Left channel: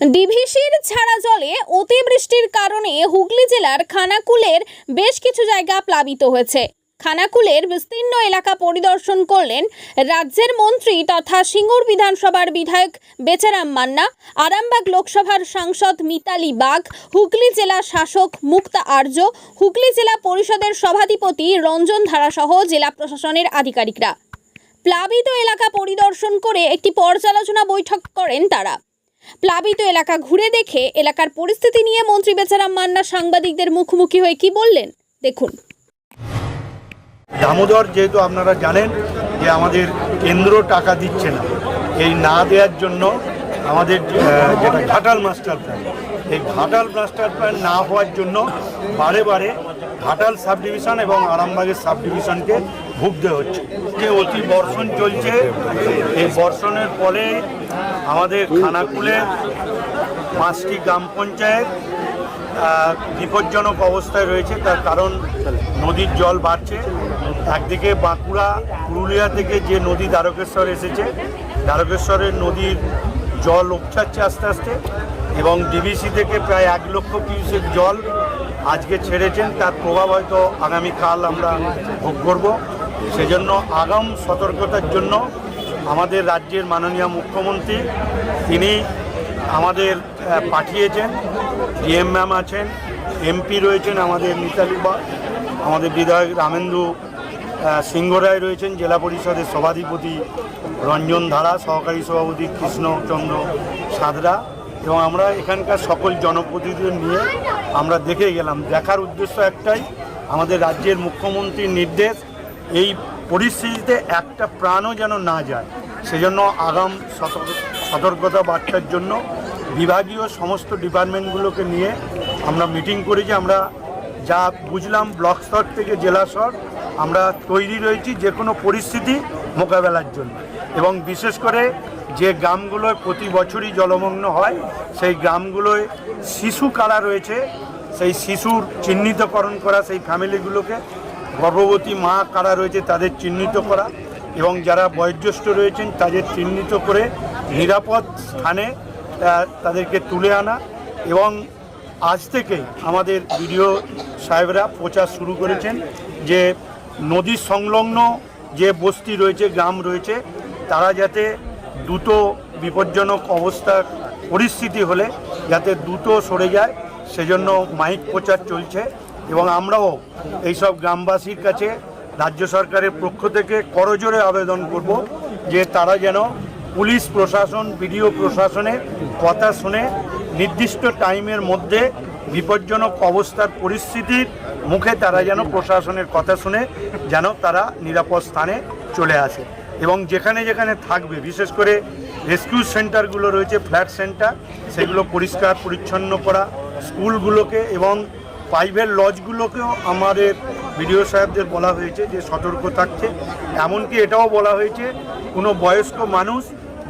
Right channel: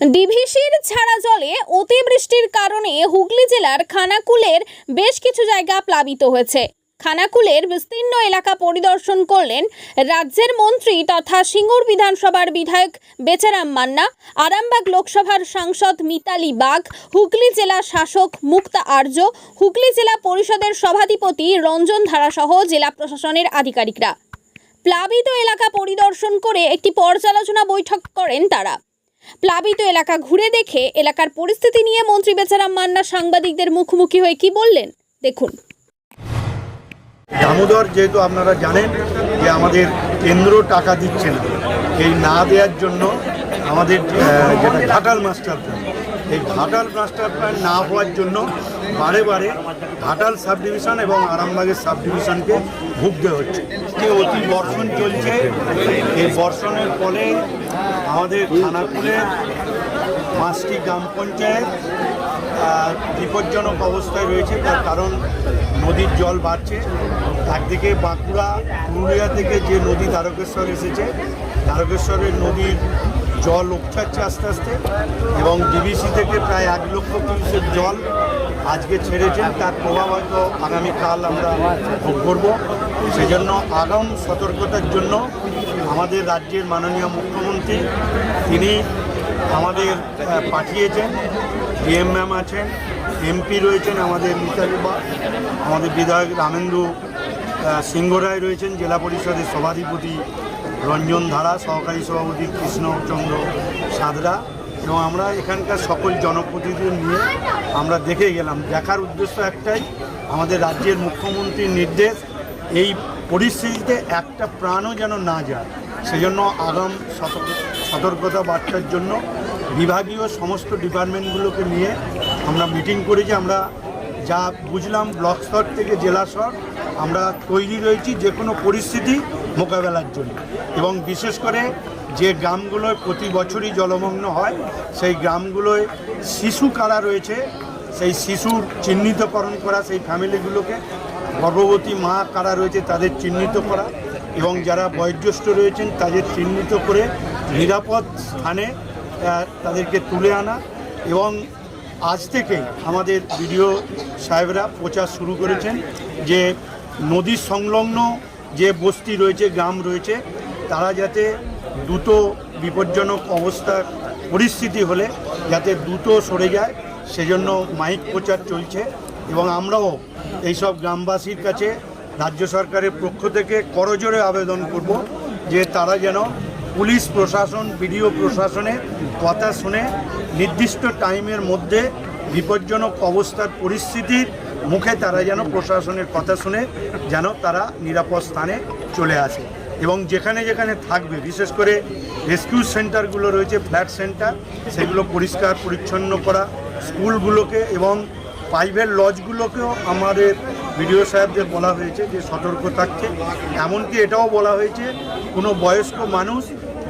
ডিভিসির ছাড়া জলে অতিবৃষ্টির কারণে হুগলি জেলার খানাকুলের বেশ কিছু জায়গা প্লাবিত হয়েছে। খানাকুলের বিস্তীর্ণ এলাকা পরিদর্শন করলেন রাজ্যের মন্ত্রী তথা সিঙ্গুর বিধানসভার বিধায়ক বেচারাম মান্না, আরামবাগ লোকসভার সাংসদ মিতালি বাগ, হুগলি জেলা শাসক মুক্তা আর্য, হুগলি জেলা পরিষদের সভাধিপতি রঞ্জন ধারাসহ জেলা প্রশাসনের আধিকারিকরা। প্লাবিত এলাকা পরিদর্শন করে একটি পর্যালোচনা বৈঠক করেন তারা। প্লাবিত এলাকা ঘুরে দেখে এলাকার পরিস্থিতি নিয়ে মন্ত্রী বেচারাম মান্না সাংবাদিকদের মুখোমুখি হয়ে কি বললেন? দেখুন। দামোদর যেহেতু আপনারা জানেন যে আমাদের কেন্দ্র টাকা দিচ্ছে না এই না দেওয়ার জন্য আমাদের যেটা ঘাটাল মাস্টার প্ল্যান এই ঘাটাল মাস্টার প্ল্যান না হওয়ার জন্য বারে বারে ঘাটাল সাব ডিভিশন এবং আরামবাগের সাব ডিভিশনকে ভুগতে হচ্ছে। অতি বর্ষণ চলছে। এই বর্ষণের ফলে আমাদের খানাকুলের পাঁচটি গ্রাম পঞ্চায়েত বিপজ্জনক অবস্থায় রয়েছে। তার কারণ, নদীর জল বাড়ছে। একদিকে বাঁকুড়া, পুরুলিয়া থেকে যে নদী দ্বারকেশ্বর এসেছে, দ্বারকেশ্বরের নদীর জল উপচাচ্ছে আস্তে আস্তে এবং ডিবিসি থেকে প্রায় এক লক্ষ কিউসের জল আজকে ছেড়েছেন। তার প্রভাব হয়তো আগামীকাল আমরা ভোগ করব। সেজন্য আগাম সতর্কতার জন্য আমাদের রাজ্যের মাননীয় মুখ্যমন্ত্রী, তিনি আমাদের পাঠিয়েছেন, ডিএম ম্যাম আছেন, এমপি রয়েছেন আমাদের মিতালি বা আমাদের বিধায়ক রামেন্দু সিংহ রায় রয়েছেন, জেলা পরিষদের সভাধিপতি রঞ্জন ধারা, সহকারী সভাপতি কৃষ্ণচন্দ্র সাদরা এবং আমরা এখানকার সকল জনপ্রতিনিধি নিয়ে আমরা দেখে গেলাম। দেখার উদ্দেশ্য একটাই, আমাদের রাজ্যের মুখ্যমন্ত্রীর নির্দেশ, এই পরিস্থিতিতে একটা প্রাণও যেন না যায়। সেজন্য আগাম সতর্কতা বার্তার জন্য বিভাগীয় সমস্ত ডিপার্টমেন্টগুলোকে নিয়ে আমরা মিটিং করেছি আমরা যা বুঝলাম ব্লক স্তর থেকে জেলা স্তর, আমরা তৈরি রয়েছি যে কোনো পরিস্থিতি মোকাবেলার জন্য। এবং বিশেষ করে যে গ্রামগুলোয় প্রতি বছরই জলমগ্ন হয়, সেই গ্রামগুলোয় শিশু কারা রয়েছে, সেই শিশুর চিহ্নিতকরণ করা, সেই ফ্যামিলিগুলোকে গর্ভবতী মা কারা রয়েছে তাদের চিহ্নিত করা এবং যারা বয়োজ্যেষ্ঠ রয়েছেন, তাদের চিহ্নিত করে নিরাপদ স্থানে তাদেরকে তুলে আনা এবং আজ থেকেই আমাদের বিডিও সাহেবরা প্রচার শুরু করেছেন যে নদী সংলগ্ন যে বস্তি রয়েছে, গ্রাম রয়েছে, তারা যাতে দ্রুত বিপজ্জনক অবস্থা পরিস্থিতি হলে যাতে দ্রুত সরে যায়, সেজন্য মাইক প্রচার চলছে এবং আমরাও এইসব গ্রামবাসীর কাছে রাজ্য সরকারের পক্ষ থেকে করজোরে আবেদন করব যে তারা যেন পুলিশ প্রশাসন, বিডিও প্রশাসনে কথা শুনে নির্দিষ্ট টাইমের মধ্যে বিপজ্জনক অবস্থার পরিস্থিতির মুখে তারা যেন প্রশাসনের কথা শুনে যেন তারা নিরাপদ স্থানে চলে আসে। এবং যেখানে যেখানে থাকবে, বিশেষ করে রেস্কিউ সেন্টারগুলো রয়েছে ফ্ল্যাট সেন্টার সেগুলো পরিষ্কার, পরিচ্ছন্ন করা, স্কুলগুলোকে এবং প্রাইভেট লজগুলোকেও আমাদের বিডিও সাহেবদের বলা হয়েছে যে সতর্ক থাকতে এমনকি এটাও বলা হয়েছে কোনো বয়স্ক মানুষ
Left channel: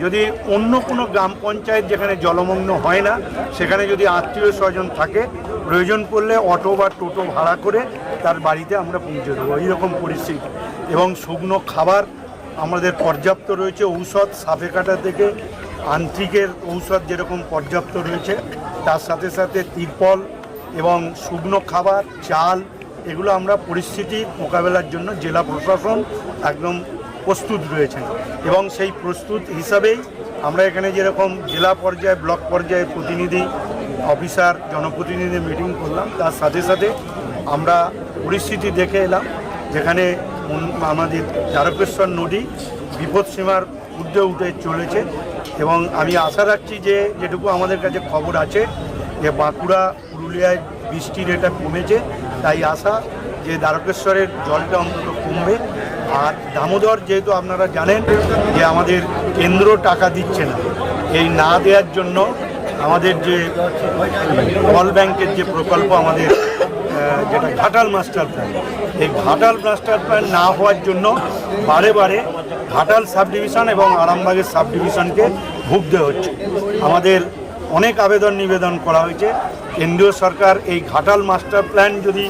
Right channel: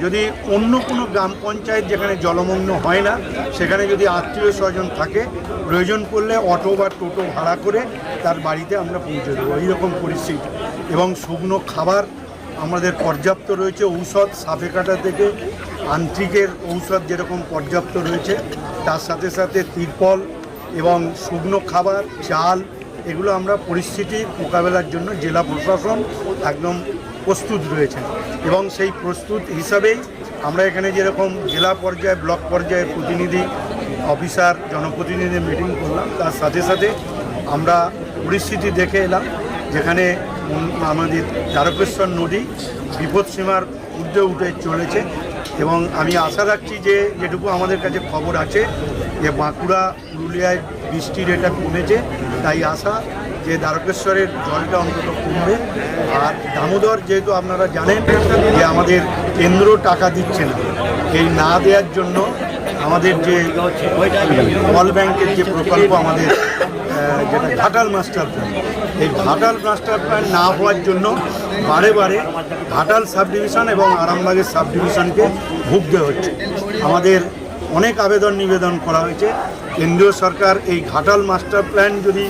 যদি অন্য কোনো গ্রাম পঞ্চায়েত যেখানে জলমগ্ন হয় না, সেখানে যদি আত্মীয় স্বজন থাকে, প্রয়োজন পড়লে অটো বা টোটো ভাড়া করে তার বাড়িতে আমরা পৌঁছে দেবো। এইরকম পরিস্থিতি। এবং শুকনো খাবার আমাদের পর্যাপ্ত রয়েছে, ঔষধ সাপে কাটা থেকে আন্ত্রিকের ঔষধ যেরকম পর্যাপ্ত রয়েছে, তার সাথে সাথে তিরপল এবং শুকনো খাবার, চাল এগুলো আমরা পরিস্থিতির মোকাবেলার জন্য জেলা প্রশাসন একদম প্রস্তুত রয়েছেন এবং সেই প্রস্তুত হিসাবেই আমরা এখানে যেরকম জেলা পর্যায়ে, ব্লক পর্যায়ে প্রতিনিধি, অফিসার, জনপ্রতিনিধি মিটিং করলাম, তার সাথে সাথে আমরা পরিস্থিতি দেখে এলাম, যেখানে আমাদের দ্বারকেশ্বর নদী বিপদসীমার ঊর্ধ্বে উঠে চলেছে। এবং আমি আশা রাখছি যে যেটুকু আমাদের কাছে খবর আছে যে বাঁকুড়া, পুরুলিয়ায় বৃষ্টির এটা কমেছে, তাই আশা যে দ্বারকেশ্বরের জলটা অন্তত কমবে। আর দামোদর যেহেতু আপনারা জানেন যে আমাদের কেন্দ্র টাকা দিচ্ছে না, এই না দেওয়ার জন্য আমাদের যে অল ব্যাংকের যে প্রকল্প আমাদের যেটা ঘাটাল মাস্টার প্ল্যান, এই ঘাটাল মাস্টার প্ল্যান না হওয়ার জন্য বারে বারে ঘাটাল সাব ডিভিশন এবং আরামবাগের সাব ডিভিশনকে ভুগতে হচ্ছে। আমাদের অনেক আবেদন নিবেদন করা হয়েছে। কেন্দ্রীয় সরকার এই ঘাটাল মাস্টার প্ল্যান যদি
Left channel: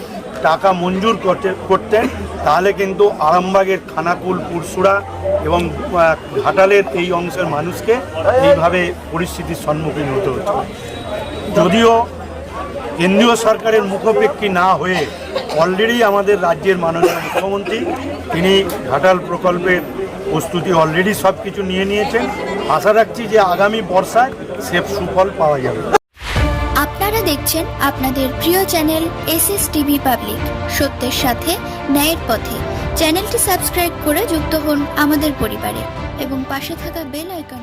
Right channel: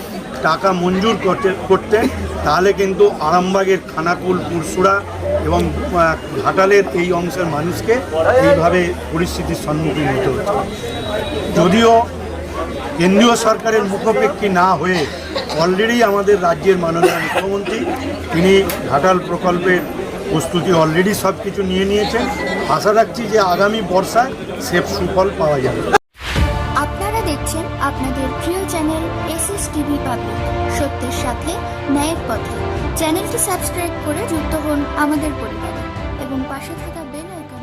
টাকা মঞ্জুর করতে করতেন তাহলে কিন্তু আরামবাগের খানাকুল পুরসুরা এবং ঘাটালের এই অংশের মানুষকে এইভাবে পরিস্থিতির সম্মুখীন হতে হচ্ছে। যদিও কেন্দ্রীয় সরকারের মুখোপেক্ষী না হয়ে অলরেডি আমাদের রাজ্যের মাননীয় মুখ্যমন্ত্রী, তিনি ঘাটাল প্রকল্পের প্রস্তুতি অলরেডি সব কিছু নিয়ে নিয়েছেন। আশা রাখছি যে আগামী বর্ষায় সে সুফল পাওয়া যাবে। আপনারা দেখছেন আপনাদের প্রিয় channel S S TV public. সত্যের সাথে, ন্যায়ের পথে। চ্যানেলটি সাবস্ক্রাইব করে যুক্ত হন আমাদের পরিবারে। এবং পাশে থাকা বেল আইকন